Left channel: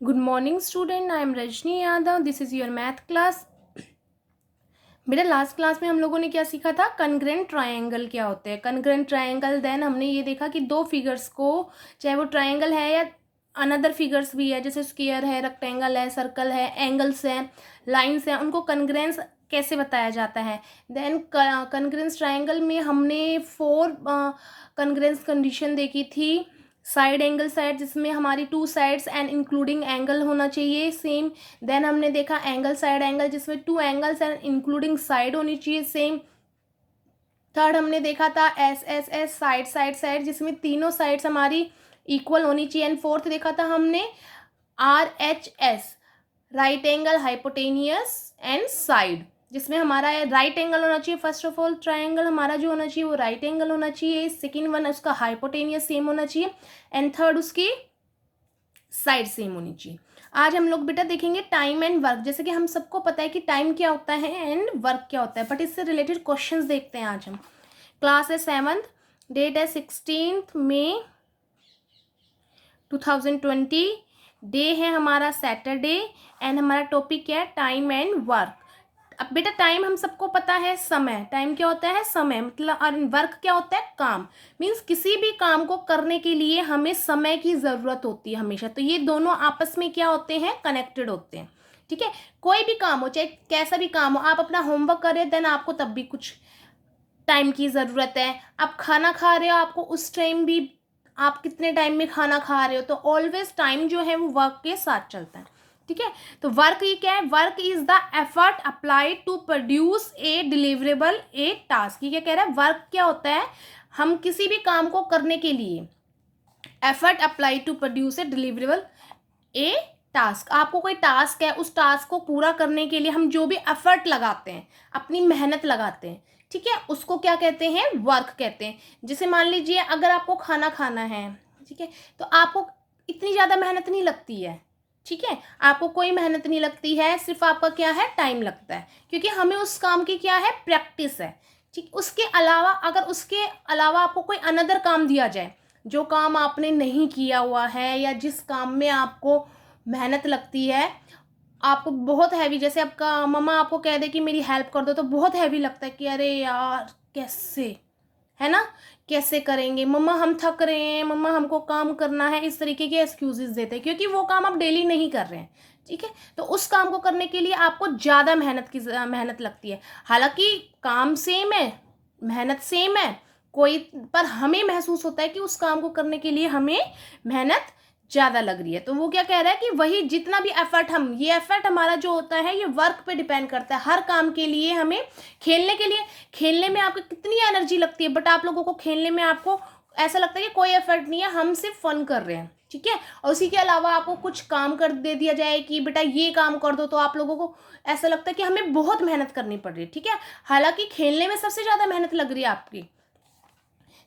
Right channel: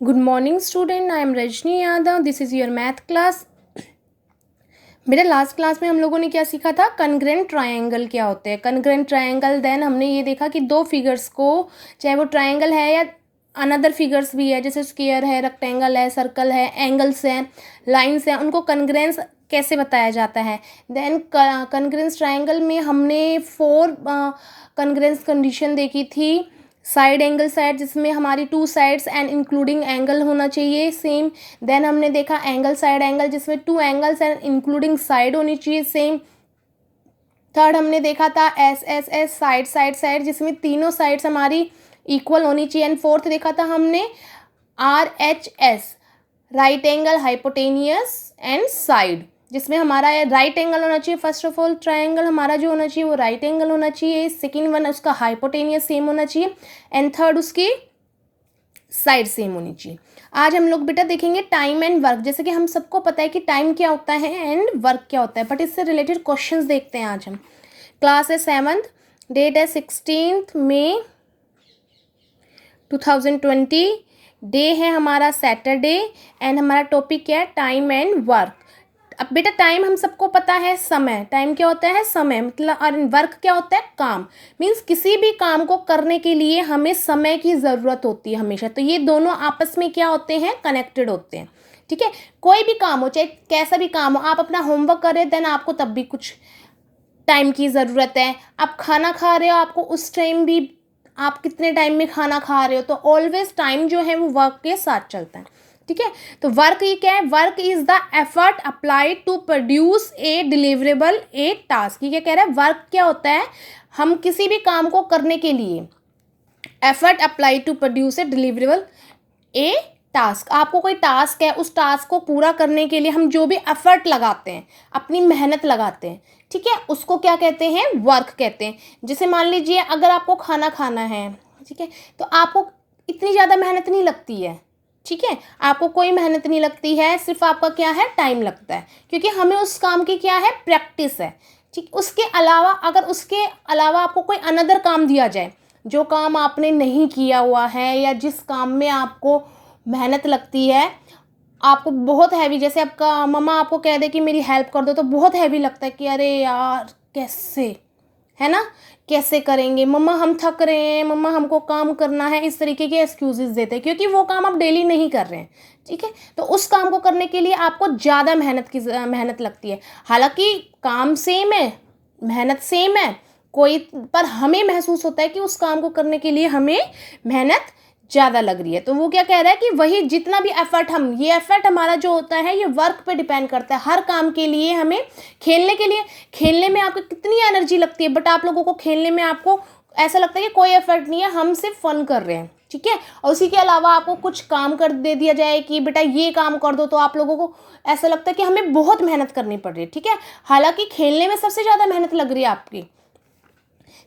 Good morning student, I am Rajni Yadav. This is your math class. मेरे last class में हम लोगों ने क्या सीखा था, कन्ग्रेंट ट्रायंगल क्या होते हैं। कन्ग्रेंट ट्रायंगल, देन हमने ये देखा कि दो फिगर्स को, चाहे वो ट्रायंगल है या अनदर फिगर्स भी है, जैसे स्क्वायर है, रेक्टेंगल है, सर्कल है, एंगल्स हैं, लाइंस हैं, उनको कन्ग्रेंस कैसे बताया जाता है। देन कन्ग्रेंस ट्रायंगल में हमने 4 कन्ग्रेंस कंडीशन देखी थी। साइड एंगल साइड, जिसमें हमारी 2 साइड्स एंड इंक्लूडिंग एंगल होना चाहिए सेम। देन हमने देखा एंगल साइड एंगल, जिसमें 2 एंगल्स एंड इंक्लूडिंग साइड होनी चाहिए सेम। थर्ड हमने देखा था S S S, side side side, जिसमें तीनों साइड्स हमारी इक्वल होनी चाहिए। एंड फोर्थ देखा था हमने R H S, right angle, hypotenuse and side, जिसमें हमारा राइट एंगल होना चाहिए। फर्स्ट ऑफ ऑल ट्रायंगल हमारा जो होना चाहिए वो राइट एंगल होना चाहिए। सेकेंड वन उसका हाइपोटेनियस सेम होना चाहिए। एंड थर्ड उसकी साइड सेम होनी चाहिए। आज हम लोग बेटा देखेंगे टाइम एंड वर्क। जैसे कि हम सबको पता है कि टाइम क्या होता है एंड वर्क क्या होता है, बट इससे रिलेटेड क्वेश्चंस देखते हैं आज हम। क्लास है 7th, डेट है 16 मई 2020, डे है हमारा सैटरडे, एंड हमारा टॉपिक क्या है, टाइम एंड वर्क। अब बेटा टाइम हम सबको पता है समय, टाइम क्या होता है, समय मतलब, और वर्क क्या होता है, काम। मीन्स किसी भी काम को करने के लिए हमें समय की ज़रूरत होती है हमेशा। तो ये दोनों आपस में क्या होते हैं, कनेक्टेड होते हैं। ठीक है, कोई भी काम हो, चाहे कैसा भी काम हो, आप अपना होमवर्क करें देन आपको तब भी कुछ टाइम की ज़रूरत है। आप खाना खा रहे हो, आपको उस टाइम भी, आप कितने टाइम में खाना खा रहे हो, तो ऑलवेज टाइम जो है वो वर्क के साथ चलता है। ठीक है, तो वर्क ये क्या है, work is the effort applied to produce a deliverable a task. ये क्या कह रहा है, वर्क क्या होता है, हम किसी भी काम को करने के लिए effort applied to produce a deliverable a task. आपको कोई टास्क है, उस टास्क को पूरा करने के लिए हम जो भी एफर्ट लगाते हैं, अपनी मेहनत लगाते हैं, ठीक है, उसको क्या कहते हैं, वर्क कहते हैं। जैसे मान लीजिए अगर आपको खाना खाना है, ठीक है, तो आपको इतनी ज़्यादा मेहनत नहीं लगती है। ठीक है, आपको कोई मेहनत नहीं लगती है, सिर्फ आपका क्या है, टाइम लगता है, क्योंकि हमें उस काम की क्या है, प्रैक्टिस है। ठीक, उसके अलावा अगर उसके अलावा आपको कोई अनदर काम दिया जाए, जो काम आपने नहीं किया हुआ है या जिस काम में आपको मेहनत लगती है, आपको बहुत हैवी, जैसे आपका मम्मा आपको कह दे कि मेरी हेल्प कर दो, तो बहुत हैवी लगता है कि अरे यार कैसे, है ना, कैसे करेंगे मम्मा, हम थक रहे हैं, मम्मा हमको काम करना है, इस तरीके के एक्सक्यूजेस देते हैं, क्योंकि वो काम आप डेली नहीं कर रहे हैं। ठीक है, तो उस काम को करने के लिए आपको ज़्यादा मेहनत लगती है। हालांकि काम सेम है, मेहनत सेम है, कोई, पर हमें महसूस होता है कि उस काम को करने के लिए हमें मेहनत ज़्यादा लग रही है। तो वो क्या कह रहा है कि वही जितना भी एफर्ट, हम ये एफर्ट हमारा जो होता है ये वर्क पे डिपेंड करता है। हर काम के लिए हमें, खेलने के लिए, खेलने में आपको कितनी एनर्जी लगती है, बट आप लोगों को खेलने में आपको ऐसा लगता है कि कोई एफर्ट नहीं है, हम सिर्फ फन कर रहे हैं। ठीक है, और उसी के अलावा आपको कुछ काम कर दे दिया जाए कि बेटा ये काम कर दो, तो आप लोगों को ऐसा लगता है कि हमें बहुत मेहनत करनी पड़ रही है। ठीक है, हालांकि खेलने में सबसे ज़्यादा मेहनत लग रही है आपकी।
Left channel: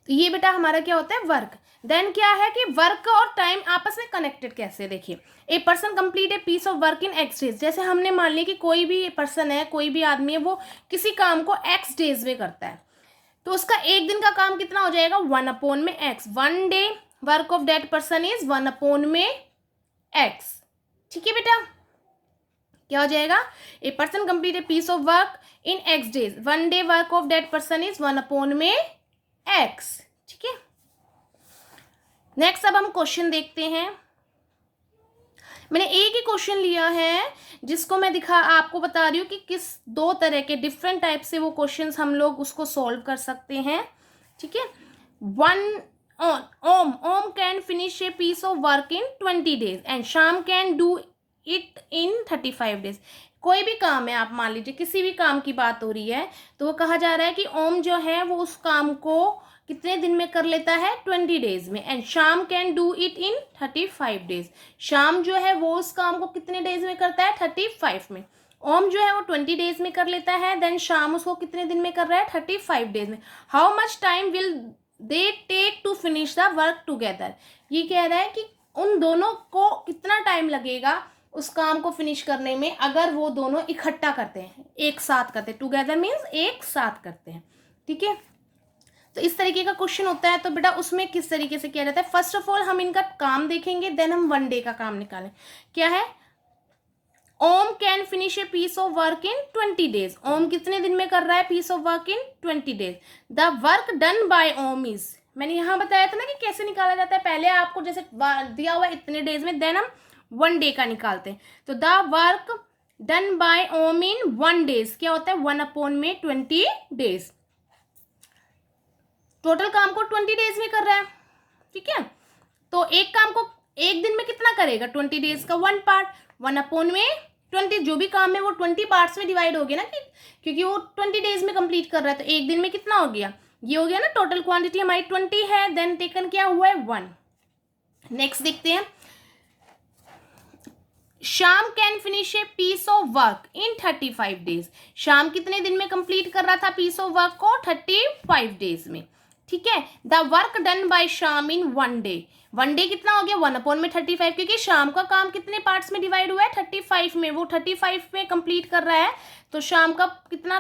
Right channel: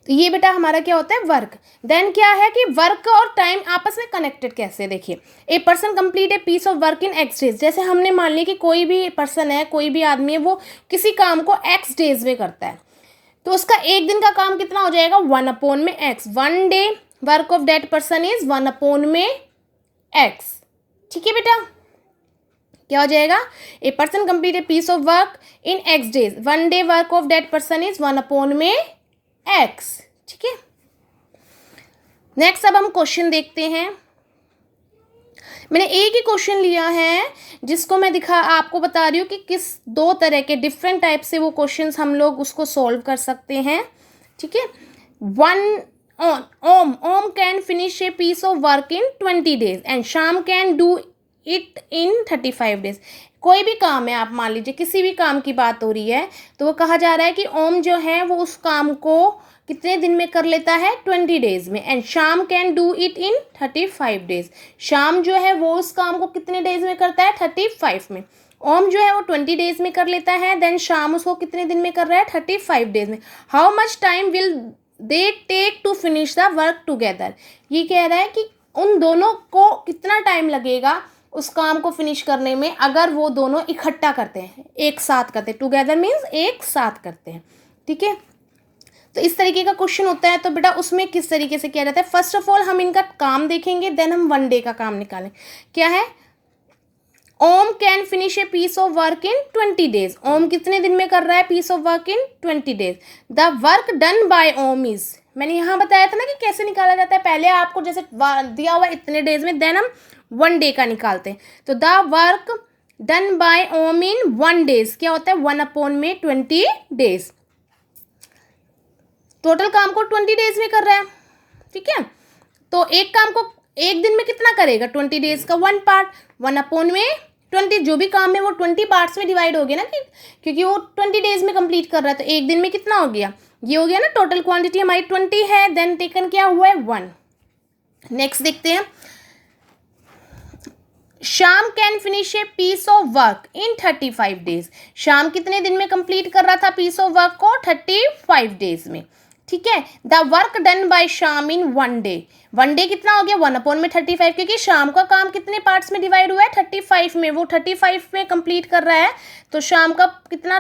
तो ये बेटा हमारा क्या होता है, वर्क। देन क्या है कि वर्क और टाइम आपस में कनेक्टेड कैसे, देखिए, a person complete a piece of work in X days. जैसे हमने मान लिया कि कोई भी पर्सन है, कोई भी आदमी है, वो किसी काम को एक्स डेज में करता है, तो उसका एक दिन का काम कितना हो जाएगा, 1 में X. 1 day work of that person is 1 में एक्स। ठीक है बेटा, क्या हो जाएगा, a person complete a piece of work in X days, 1 day work of that person is 1 में एक्स। ठीक है, नेक्स्ट अब हम क्वेश्चन देखते हैं। मैंने एक ही क्वेश्चन लिया है, जिसको मैं आपको बता रही हूँ कि किस 2 तरह के डिफरेंट टाइप से वो क्वेश्चंस हम लोग उसको सॉल्व कर सकते हैं। ठीक है, Om can finish a piece of work in 20 days and Sham can do it in 35 days। कोई भी काम है, आप मान लीजिए किसी भी काम की बात हो रही है, तो वो कहा जा रहा है कि ओम जो है वो उस काम को कितने दिन में कर लेता है, 20 days में। And Sham can do it in 35 days। शाम जो है वो उस काम को कितने डेज में करता है, 35 में। ओम जो है वो 20 days में कर लेता है, देन शाम उसको कितने दिन में कर रहा है, 35 days में। How much time will they take to finish the work together. ये कह रहा है कि उन दोनों को कितना टाइम लगेगा उस काम को फिनिश करने में, अगर वो दोनों इकट्ठा करते हैं, एक साथ करते हैं। टुगेदर मीन्स एक साथ करते हैं। ठीक है, तो इस तरीके का क्वेश्चन होता है। तो बेटा उसमें किस तरीके से किया जाता है, फर्स्ट ऑफ ऑल हम इनका काम देखेंगे, देन हम 1 डे का काम निकालें। क्या है, Om can finish a piece of work in 20 days। Om कितने दिन में कर रहा है piece of work in 20 days। The work done by Om is, मैंने यहाँ बताया था ना कि कैसे निकाला जाता है, पहले आपको जैसे दिया हुआ इतने डेज में, देन हम 1 डे का निकालते हैं। तो the work done by Om in 1 days क्या होता है, 1/20 days। टोटल काम को 20 डेज में कर रहा है, ठीक है। तो एक काम को एक दिन में कितना करेगा, 20 डेज का 1 पार्ट, 1/20, जो भी काम है वो 20 पार्ट्स में डिवाइड हो गया ना, क्योंकि वो 20 डेज में कंप्लीट कर रहा है। तो एक दिन में कितना हो गया, ये हो गया ना, टोटल क्वांटिटी हमारी 20 है, देन टेकन क्या हुआ है 1। नेक्स्ट देखते हैं, Sham can finish a piece of work in 35 days। शाम कितने दिन में कंप्लीट कर रहा था पीस ऑफ वर्क को, 35 days में, ठीक है। द वर्क डन बाय शाम इन 1 डे, 1 डे कितना हो गया, 1/35, क्योंकि शाम का काम कितने पार्ट्स में डिवाइड हुआ है, 35 में, वो 35 में कंप्लीट कर रहा है। तो शाम का कितना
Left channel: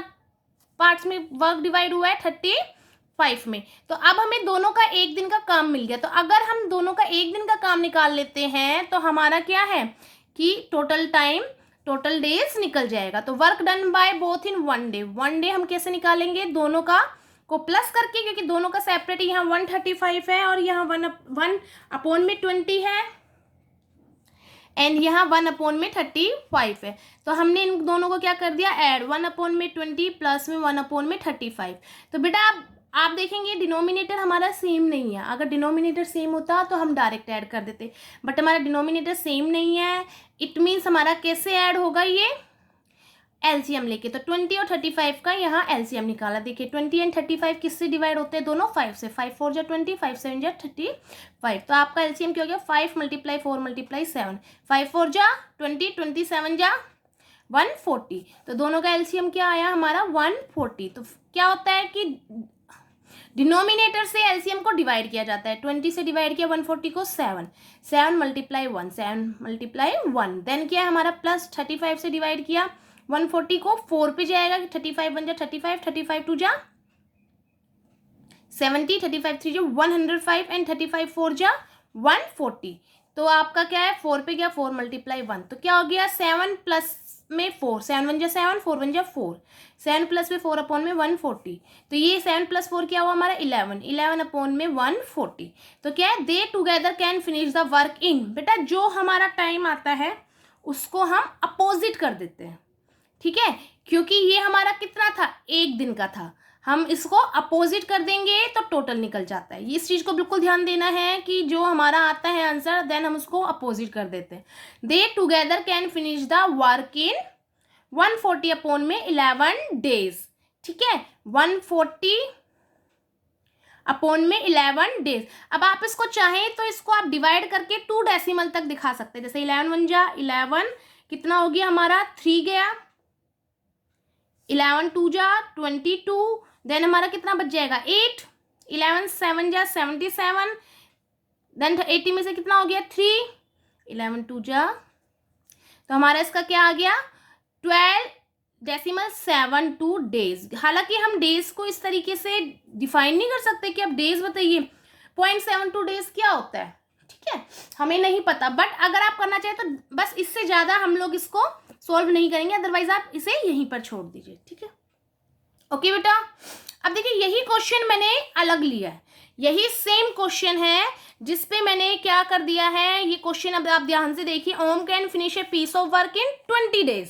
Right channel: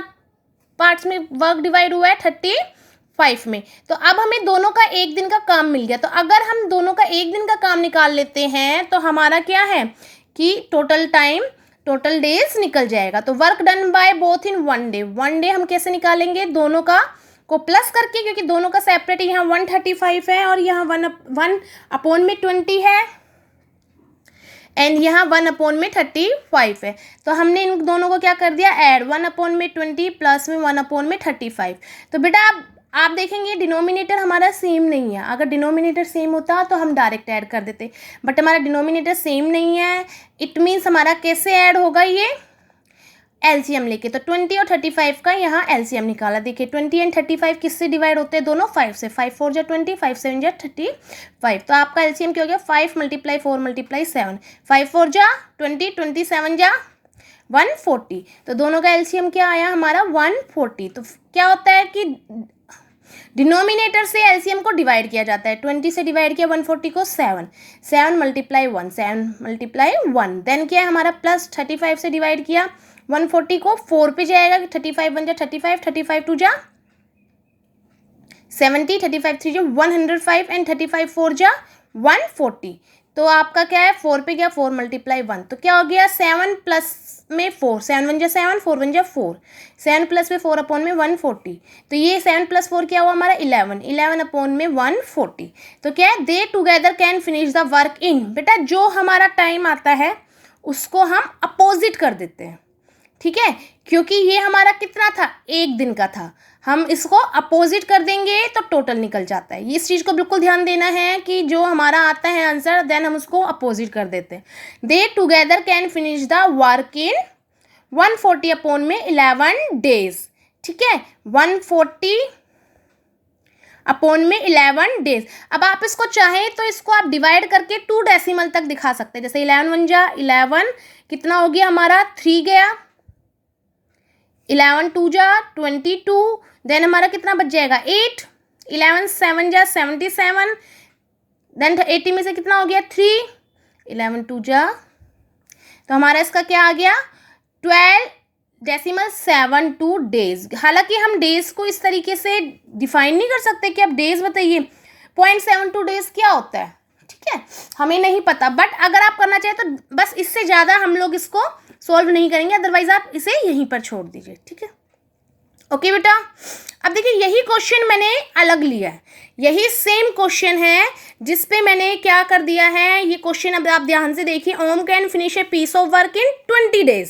पार्ट्स में वर्क डिवाइड हुआ है, 35 में। तो अब हमें दोनों का एक दिन का काम मिल गया। तो अगर हम दोनों का एक दिन का काम निकाल लेते हैं तो हमारा क्या है कि टोटल डेज निकल जाएगा। तो work done by both in 1 day, 1 day हम कैसे निकालेंगे, दोनों का को प्लस करके, क्योंकि दोनों का सेपरेट यहाँ 135 है और यहाँ 1/20 है, एंड यहाँ 1/35 है। तो हमने इन दोनों को क्या कर दिया, ऐड, 1/20 प्लस में 1/35। तो बेटा आप देखेंगे डिनोमिनेटर हमारा सेम नहीं है, अगर डिनोमिनेटर सेम होता तो हम डायरेक्ट ऐड कर देते, बट हमारा डिनोमिनेटर सेम नहीं है। इट मीन्स हमारा कैसे ऐड होगा, ये एलसीएम लेके। तो 20 और 35 का यहाँ एलसीएम निकाला। देखिए 20 एंड 35 किससे डिवाइड होते हैं, दोनों 5 से, 5 4 जा 20, 5 7 जा 35। तो आपका एलसीएम क्या हो गया, 5 × 4 × 7, 5 4 जा 20, 27 जा 140। तो दोनों का एलसीएम क्या आया हमारा 140। तो क्या होता है कि डिनोमिनेटर से एलसीएम को डिवाइड किया जाता है, 20 से डिवाइड किया 140 को 7 × 1, 7 × 1, देन क्या है हमारा प्लस 35 से डिवाइड किया 140 को 4 पे जाएगा, 35 1 जा 35, 35 2 जा 70, 35 3 जा 105 एंड 35 4 जा 140। तो आपका क्या है 4 पे गया 4 × 1, तो क्या हो गया 7 प्लस में 4, 7 1 जा 7, 4 1 जा 4, 7 प्लस में 4/140। तो ये 7 + 4 क्या हुआ हमारा 11, 11/140। तो क्या है, दे together can finish the work in, बेटा जो हमारा टाइम आता है उसको हम अपोजिट कर देते हैं, ठीक है, क्योंकि ये हमारा कितना था, एक दिन का था, हम इसको अपोजिट कर देंगे तो टोटल निकल जाता है। इस चीज़ को बिल्कुल ध्यान देना है कि जो हमारा आता है आंसर, देन हम उसको अपोजिट कर देते हैं। दे together can finish the work in 140/11 days, ठीक है, 140/11 days। अब आप इसको चाहें तो इसको आप डिवाइड करके 2 डेसिमल तक दिखा सकते हैं, जैसे 11 1 जा 11, कितना हो गया हमारा 3 गया, 11 2 जा 22, देन हमारा कितना बच जाएगा 8, 11 7 जा 77, देन 80 में से कितना हो गया 3, 11 2 जा, तो हमारा इसका क्या आ गया 12.72 days। हालांकि हम डेज को इस तरीके से डिफाइन नहीं कर सकते कि अब डेज बताइए 0.72 days क्या होता है, ठीक है, हमें नहीं पता, बट अगर आप करना चाहें तो बस इससे ज़्यादा हम लोग इसको सॉल्व नहीं करेंगे, अदरवाइज आप इसे यहीं पर छोड़ दीजिए, ठीक है। ओके बेटा, अब देखिए यही क्वेश्चन मैंने अलग लिया है, यही सेम क्वेश्चन है जिस पे मैंने क्या कर दिया है, ये क्वेश्चन अब आप ध्यान से देखिए, Om can finish a piece of work in 20 days,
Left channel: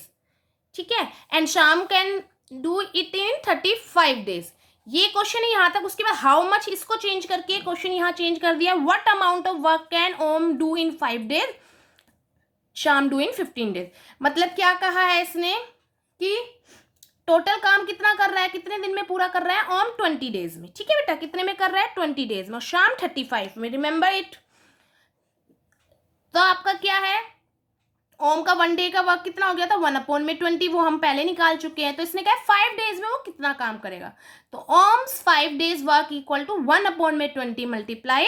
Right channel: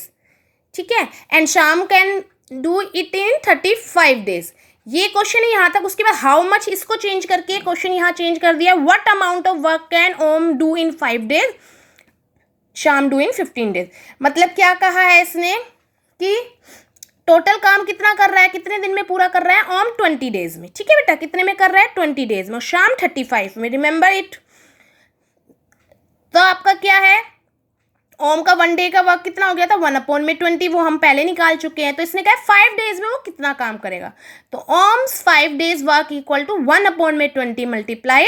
ठीक है, and Sham can do it in 35 days। ये क्वेश्चन है यहाँ तक, उसके बाद हाउ मच इसको चेंज करके क्वेश्चन यहाँ चेंज कर दिया, what amount of work can Om do in 5 days, Sham do in 15 days। मतलब क्या कहा है इसने कि टोटल काम कितना कर रहा है, कितने दिन में पूरा कर रहा है, ओम 20 days में, ठीक है बेटा, कितने में कर रहा है 20 days में, और शाम 35 में, रिमेंबर इट। तो आपका क्या है, ओम का 1 डे का वर्क कितना हो गया था 1/20, वो हम पहले निकाल चुके हैं। तो इसने कहा 5 days में वो कितना काम करेगा, तो Om's 5 days work equal to 1/20 ×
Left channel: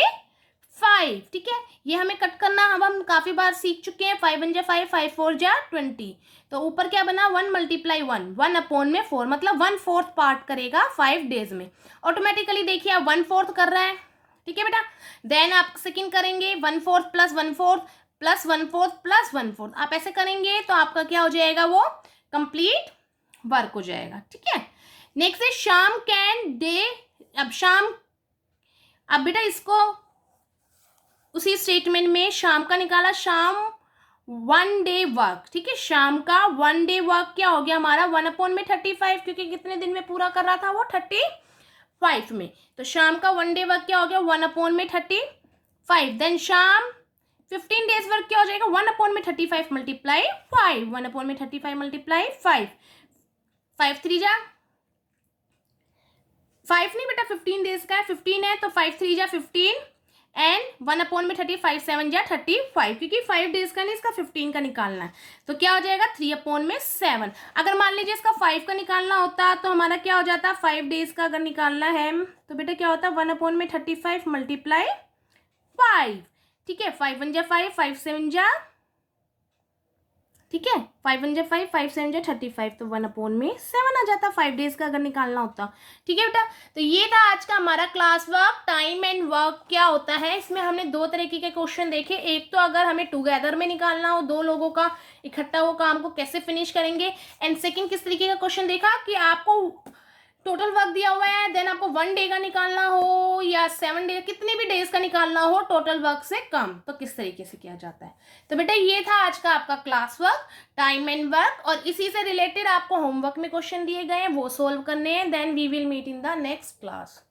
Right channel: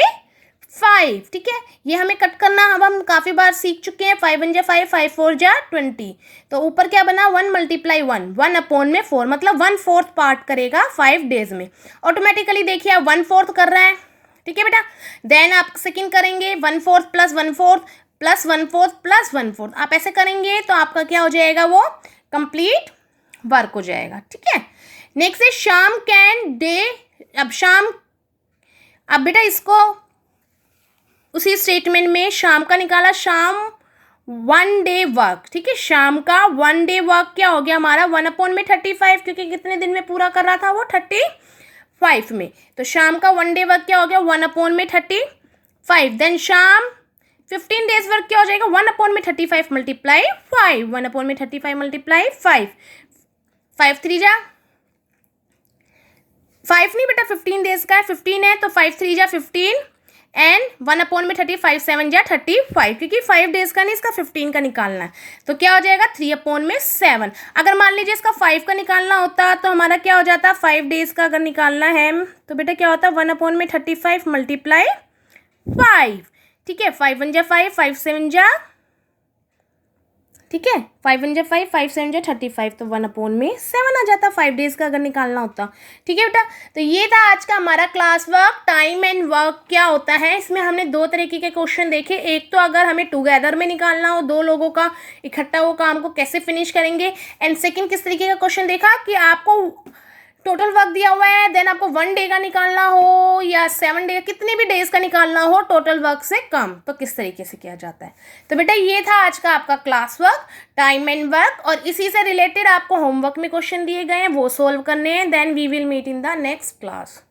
5, ठीक है। ये हमें कट करना अब हम काफ़ी बार सीख चुके हैं। 5 1 जा 5, 5 4 जा 20। तो ऊपर क्या बना 1 मल्टीप्लाई 1, 1/4 मतलब 1/4 पार्ट करेगा 5 डेज में। ऑटोमेटिकली देखिए आप 1/4 कर रहे हैं, ठीक है बेटा। देन आप सेकेंड करेंगे 1/4 प्लस 1/4 प्लस 1/4 प्लस 1/4। आप ऐसे करेंगे तो आपका क्या हो जाएगा, वो कंप्लीट वर्क हो जाएगा, ठीक है। नेक्स्ट है शाम कैन डे। अब बेटा इसको उसी स्टेटमेंट में शाम का निकाला, शाम 1 डे वर्क, ठीक है। शाम का 1 डे वर्क क्या हो गया हमारा 1/35, क्योंकि कितने दिन में पूरा कर रहा था वो 35 में। तो शाम का 1 डे वर्क क्या हो गया 1/35। देन शाम 15 डेज वर्क क्या हो जाएगा 1/35 मल्टीप्लाई 5, 1/35 मल्टीप्लाई 5, 5 3 जा 5 नहीं बेटा 15 डेज का है, 15 है तो 5 3 जा 15 एंड 1/35 7 जा 35, क्योंकि 5 डेज का नहीं इसका 15 का निकालना है। तो क्या हो जाएगा 3/7। अगर मान लीजिए इसका 5 का निकालना होता तो हमारा क्या हो जाता 5 डेज का अगर निकालना है तो बेटा क्या होता 1/35 मल्टीप्लाई 5, ठीक है। 5 1 जा 5, 5 7 जा, ठीक है, 5 1 जा 5, 5 7 जा 35, तो 1/7 आ जाता 5 डेज का अगर निकालना होता, ठीक है बेटा। तो ये था आज का हमारा class work. Time and work क्या होता है, इसमें हमने 2 तरीके के क्वेश्चन देखे। एक तो अगर हमें टुगेदर में निकालना हो, 2 लोगों का इकट्ठा वो काम को कैसे फिनिश करेंगे। एंड सेकेंड किस तरीके का क्वेश्चन देखा कि आपको टोटल वर्क दिया हुआ है, देन आपको 1 डे का निकालना हो या 7 डे, कितने भी डेज का निकालना हो टोटल वर्क से कम, तो किस तरीके से किया जाता है। तो बेटा ये था आज का आपका class work, time and work, और इसी से रिलेटेड आपको होमवर्क में क्वेश्चन दिए गए हैं, वो सोल्व करने हैं। Then we will meet in the next class.